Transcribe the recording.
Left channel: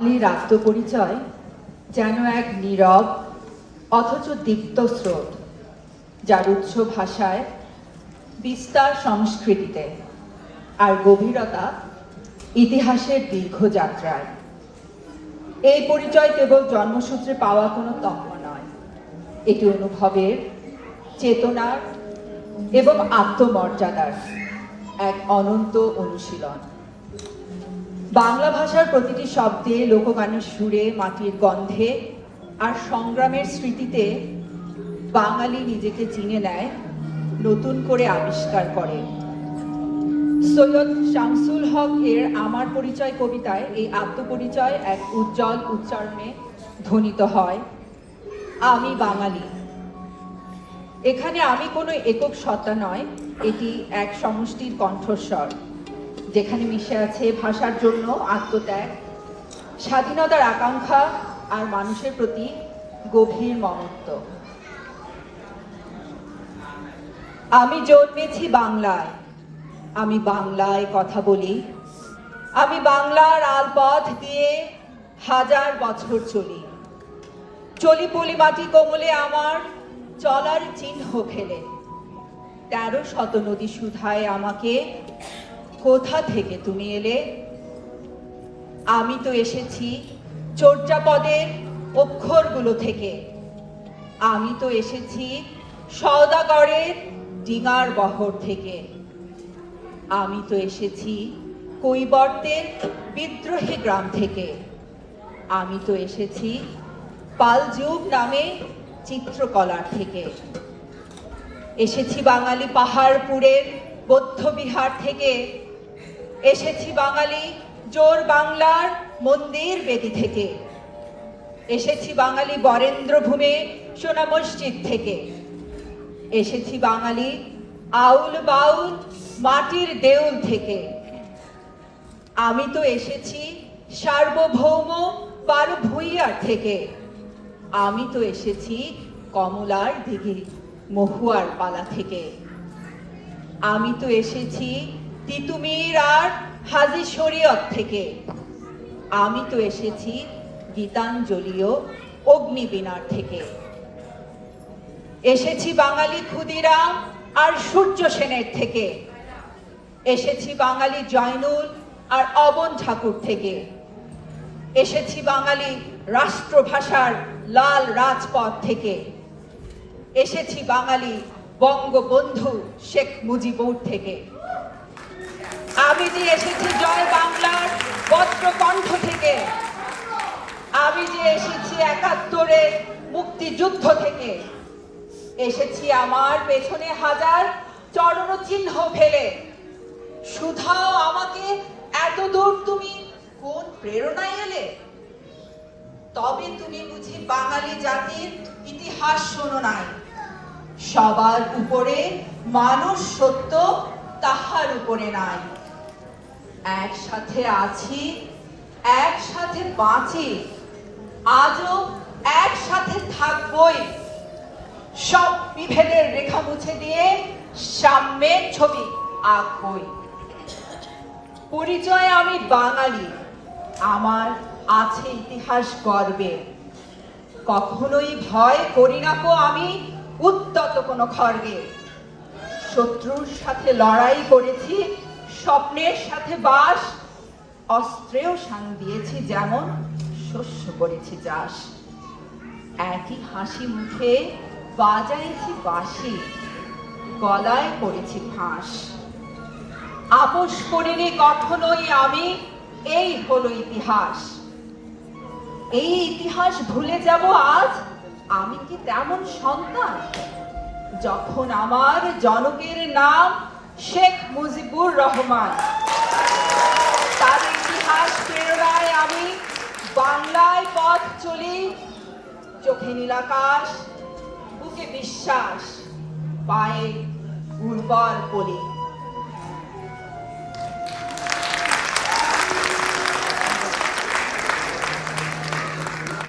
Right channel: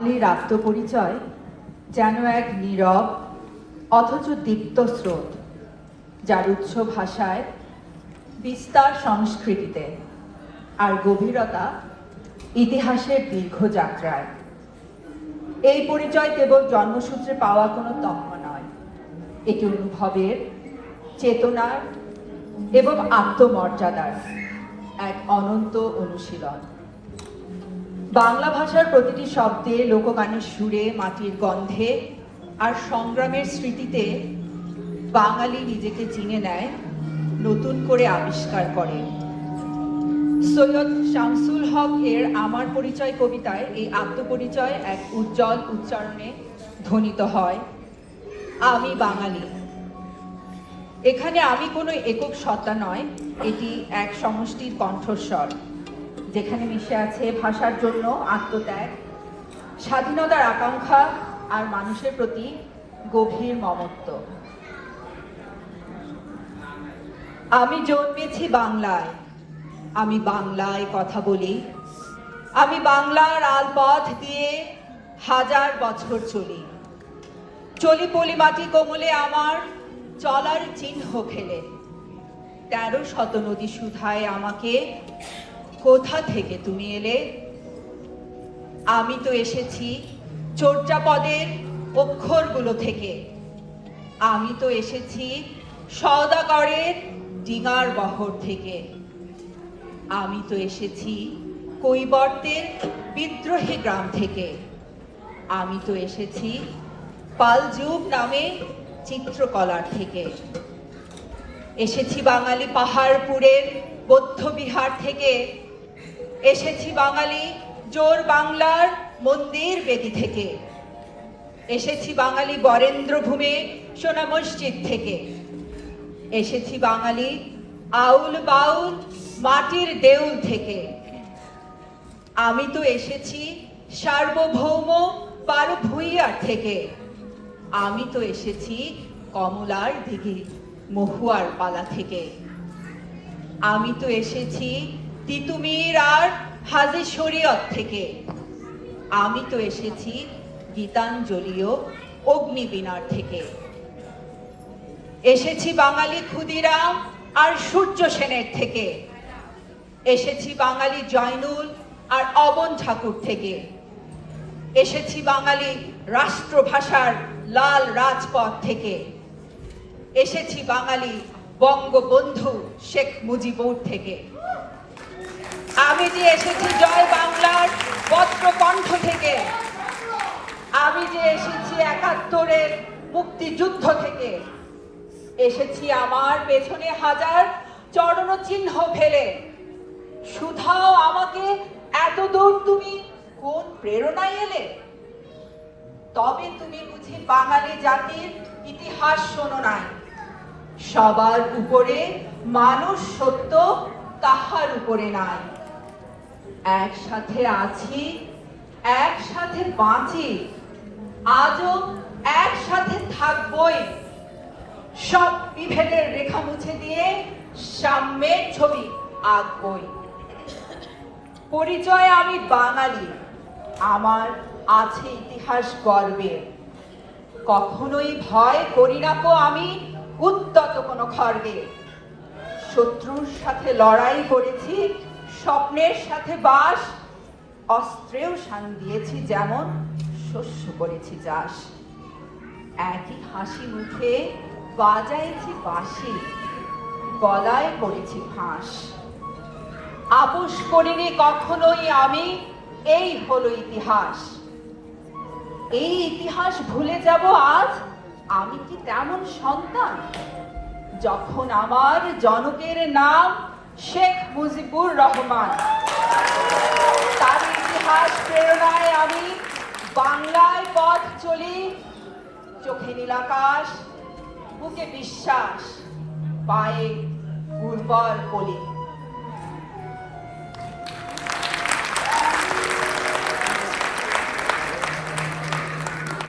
বাঙালির আত্মপরিচয় যেন এক নীরব অথচ দীপ্ত স্রোত, যার উৎস ভাষায়, বিস্তার সংস্কৃতিতে, আর গভীরতা ইতিহাসের দীর্ঘ যাত্রায়। এই পরিচয় কেবল জন্মসূত্রে পাওয়া কোনো তকমা নয়, এটি অনুভবের, চেতনার এবং আত্মমর্যাদার এক অনন্ত অনুশীলন। বাংলা ভাষার প্রতিটি শব্দে, লোকগানের সুরে, মাটির গন্ধে আর সংগ্রামের স্মৃতিতে বাঙালি নিজেকে চিনে নেয়, নতুন করে আবিষ্কার করে। সৈয়দ শামসুল হক এর আমার পরিচয় কবিতায় এই আত্মপরিচয় এক উজ্জ্বল উচ্চারণে ধ্বনিত হয়, আমি বাঙালি। এখানে আমি কোনো একক সত্তা নয়, এটি এক সমষ্টির কণ্ঠস্বর, যেখানে মিশে আছে ভাষার জন্য আত্মত্যাগ, স্বাধীনতার আকাঙ্ক্ষা আর মানুষের প্রতি গভীর মমত্ব। আমি জন্মেছি বাংলায়, আমি বাংলায় কথা বলি, আমি বাংলার আলপথ দিয়ে হাজার বছর চলি, চলি পলিমাটি কোমলে আমার চলার চিহ্ন ফেলে। 13শত নদী সুধায় আমাকে, কোথা থেকে তুমি এলে? আমি তো এসেছি চর্যাপদের অক্ষরগুলো থেকে, আমি তো এসেছি সওদাগরের ডিঙার বহর থেকে, আমি তো এসেছি কৈবর্তের বিদ্রোহী গ্রাম থেকে, আমি তো এসেছি পালযুগ নামে চিত্রকলার থেকে, এসেছি বাঙালি পাহাড়পুরের বৌদ্ধ বিহার থেকে, এসেছি বাঙালি জোর বাংলার মন্দির বেদি থেকে, এসেছি বাঙালি বরেন্দ্রভূমে সোনা মসজিদ থেকে, এসেছি বাঙালি আউল বাউল মাটির দেউল থেকে, আমি তো এসেছি সার্বভৌম বারো ভুইয়ার থেকে, আমি তো এসেছি কমলার দিঘি মহুয়ার পালা থেকে, আমি তো এসেছি তিতুমির আর হাজি শরীয়ত থেকে, আমি তো এসেছি গীতাঞ্জলিও অগ্নিবীণার থেকে, এসেছি বাঙালি ক্ষুদিরাম আর সূর্য সেনের থেকে, এসেছি বাঙালি জয়নুল আর অবন ঠাকুর থেকে, এসেছি বাঙালি রাষ্ট্রভাষার লাল রাজপথ থেকে, এসেছি বাঙালি বঙ্গবন্ধু শেখ মুজিবুর থেকে, আমি যে এসেছি জয় বাংলার বজ্রকণ্ঠ থেকে, আমি যে এসেছি ৭১-এর মুক্তিযুদ্ধ থেকে, এসেছি আমার পেছনে হাজার চরণ চিহ্ন ফেলে। শুধাও আমাকে এত দূর তুমি কোন প্রেরণায় এলে? তবে তুমি বুঝি বাঙালি জাতির ইতিহাস শোনো নাই। সবার উপরে মানুষ সত্য, তাহার উপরে নাই। একসাথে আছি, একসাথে বাঁচি, আজও একসাথে থাকবই। সব বিভেদের রেখা মুছে দিয়ে সাম্যের ছবি আঁকবই। পরিচয় আমি বাঙালি, আমার আছে ইতিহাস গর্বের। কখনোই ভয় করি না কো আমি উদ্যত কোনো খড়গে। শত্রুর সাথে লড়াই করেছি, স্বপ্নের সাথে বাস, অস্ত্রেও শান দিয়েছি যেমন, শস্য করেছি চাষ। একই হাসি মুখে বাজাইছি বাঁশি, গলায় করেছি ফাঁস। আপোষ করিনি কখনোই আমি, এই হলো ইতিহাস। এই ইতিহাস ভুলে যাব আজ? আমি কি তেমন সন্তান? যখন আমার জনকের নাম শেখ মুজিবুর রহমান, তার ইতিহাস প্রেরণায় আমি বাংলায় পথ চলি। চোখে নীল আকাশ, বুকে বিশ্বাস, পায়ে উর্বর কলি।